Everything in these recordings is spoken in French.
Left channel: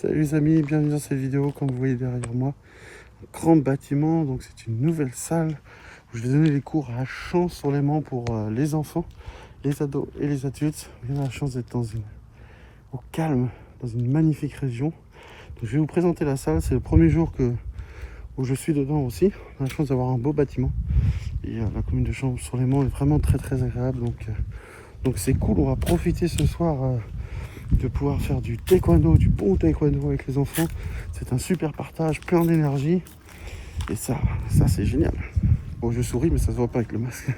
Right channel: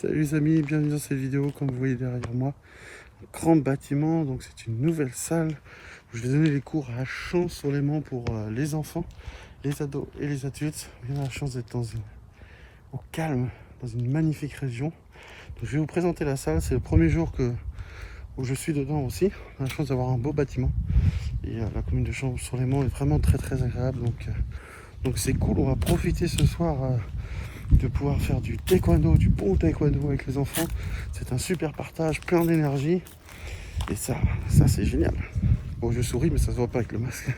Salut les amis, bienvenue dans cette vidéo. Comme vous voyez derrière moi, un grand bâtiment, donc c'est une nouvelle salle où je vais donner les cours à Champs-sur-Léman pour les enfants, les ados et les adultes. On a la chance d'être au calme, dans une magnifique région. Donc, je vais vous présenter la salle, c'est le premier jour où je suis dedans aussi. On a la chance d'avoir un beau bâtiment et la commune de Champs-sur-Léman est vraiment très agréable, donc c'est cool. On va profiter ce soir de pouvoir faire du taekwondo, du bon taekwondo avec les enfants. C'est un super partage, plein d'énergie. Et ça c'est génial. Bon, je souris, mais ça se voit pas avec le masque.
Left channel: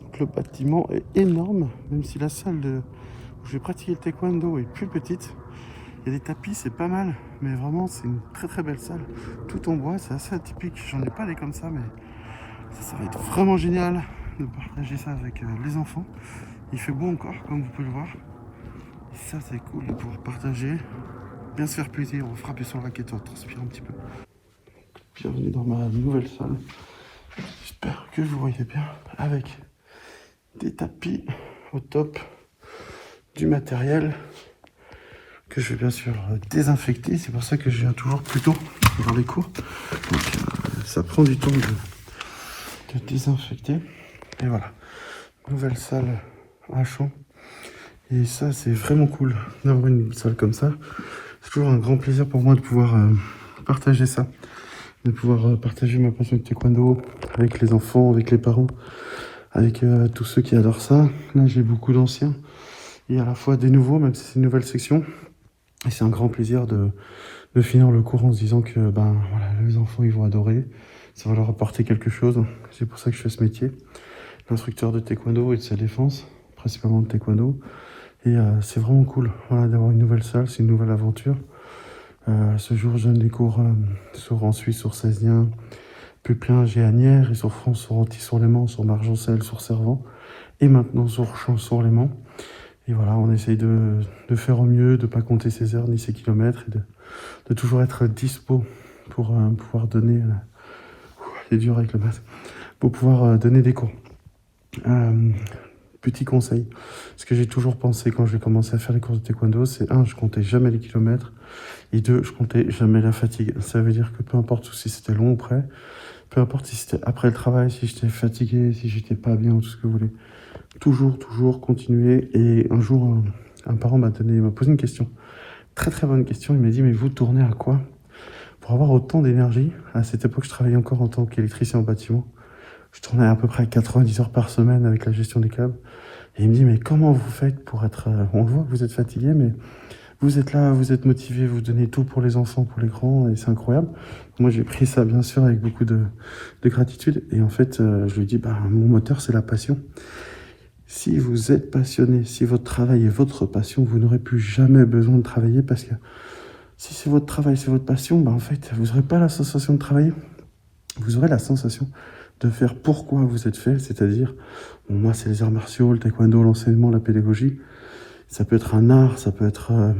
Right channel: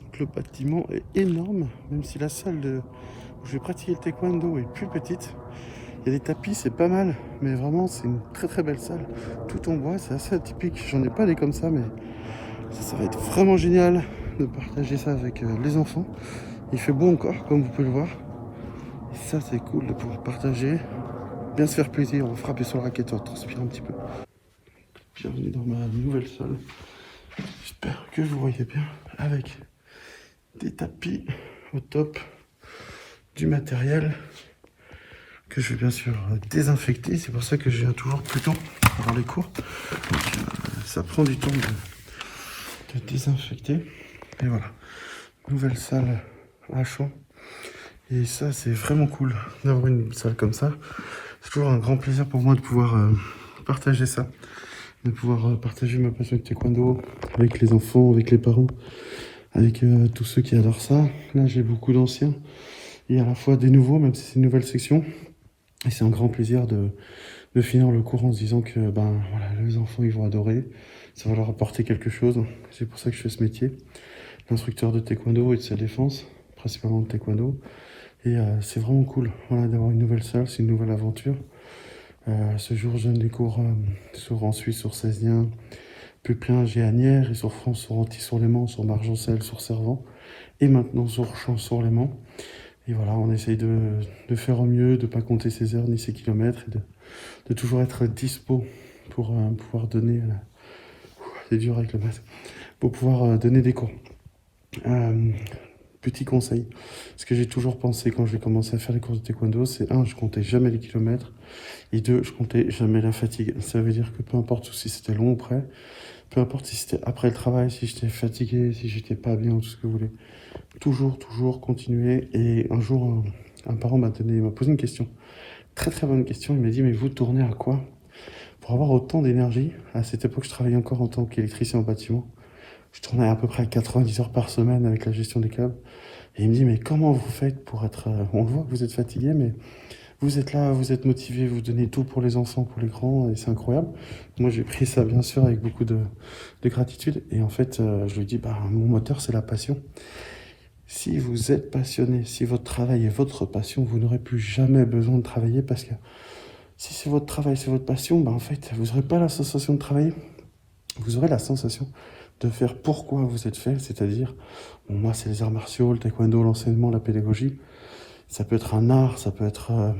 Donc, le bâtiment est énorme, même si la salle où je vais pratiquer le taekwondo est plus petite. Il y a des tapis, c'est pas mal, mais vraiment, c'est une très belle salle. Tout en bois, c'est assez atypique. J'en ai pas des comme ça, mais ça va être vraiment génial de partager ça avec les enfants. Il fait beau encore, comme vous pouvez le voir. Ça c'est cool de pouvoir partager, bien se faire plaisir, on frapper sur le raquette, on transpire un petit peu. Bienvenue dans ma nouvelle salle. J'espère que vous voyez bien, avec des tapis au top, du matériel que je vais bien sûr désinfecter. C'est pour ça que je viens toujours plus tôt dans les cours. Donc ça prend du temps de désinfecter. Et voilà, nouvelle salle à Champs. Et ça, c'est vraiment cool d'avoir une salle comme ça. C'est toujours un grand plaisir pour moi de pouvoir partager ça. De pouvoir partager ma passion de taekwondo avec les enfants, avec les parents, avec tous ceux qui adorent ça. Là, j'ai beaucoup d'anciens et à la fois des nouveaux, même si c'est une nouvelle section. Et c'est un grand plaisir de finir le cours en se disant que voilà, les enfants, ils vont adorer. Ça va leur apporter quelque chose. C'est pour ça que je fais ce métier. L'instructeur de taekwondo et de sa défense, principalement de taekwondo. Et c'est vraiment cool, voilà, d'avoir une nouvelle salle, c'est une nouvelle aventure. Ce jour, je donne des cours en Suisse, sur Cézanne, Pupelin, Géanières, et sur France, sur Antille-sur-Léman, sur Margencel, sur Servan, et maintenant sur Champs-sur-Léman. Et voilà, on essaye de faire au mieux, de ne pas compter ses heures ni ses kilomètres, et de toujours être dispo pour pouvoir donner... c'est dur avec le masque. Pour pouvoir donner des cours. Petit conseil, ce que j'ai toujours pensé quand j'ai commencé à faire les courses de taekwondo, c'est 1, je comptais jamais les kilomètres, et 2, je comptais jamais la fatigue. Ça veut dire que peu importe si c'était long ou près, peu importe si c'était après le travail, si j'étais fatigué, si j'étais pas bien ou tout ce que vous voulez, toujours continuer. Et un jour, un parent m'a posé une question, très bonne question. Il m'a dit, mais vous tournez à quoi pour avoir autant d'énergie? À cette époque, je travaillais encore en tant qu'électricien en bâtiment. Je tournais à peu près 90 heures par semaine avec la gestion des câbles. Et il me dit, mais comment vous faites pour être... on voit que vous êtes fatigué, mais vous êtes là, vous êtes motivé, vous donnez tout pour les enfants, pour les grands, et c'est incroyable. Moi, j'ai pris ça, bien sûr, avec beaucoup de gratitude. Et en fait, je lui dis, mon moteur, c'est la passion. Si vous êtes passionné, si votre travail est votre passion, vous n'aurez plus jamais besoin de travailler, parce que si c'est votre travail, c'est votre passion, en fait, vous n'aurez pas la sensation de travailler. Vous aurez la sensation de faire pourquoi vous êtes fait, c'est-à-dire, moi c'est les arts martiaux, le taekwondo, l'enseignement, la pédagogie. Ça peut être un art, ça peut être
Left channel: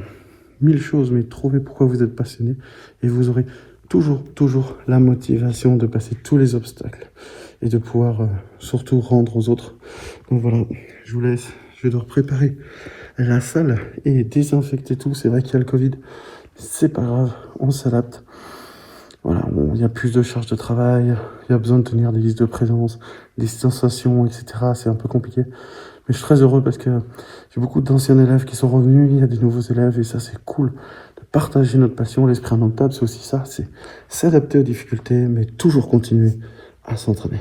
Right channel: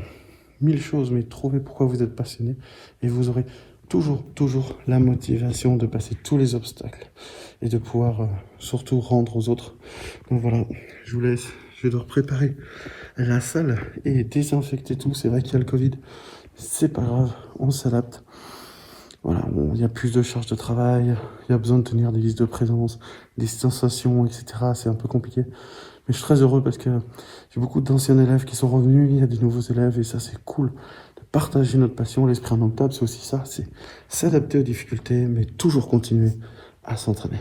1000 choses, mais trouvez pourquoi vous êtes passionné et vous aurez toujours la motivation de passer tous les obstacles et de pouvoir surtout rendre aux autres. Donc voilà, je vous laisse, je vais devoir préparer la salle et désinfecter tout. C'est vrai qu'il y a le Covid, c'est pas grave, on s'adapte. Voilà, il y a plus de charge de travail, il y a besoin de tenir des listes de présence, des sensations, etc. C'est un peu compliqué. Mais je suis très heureux parce que j'ai beaucoup d'anciens élèves qui sont revenus, il y a des nouveaux élèves et ça c'est cool de partager notre passion. L'esprit indomptable, c'est aussi ça, c'est s'adapter aux difficultés, mais toujours continuer à s'entraîner.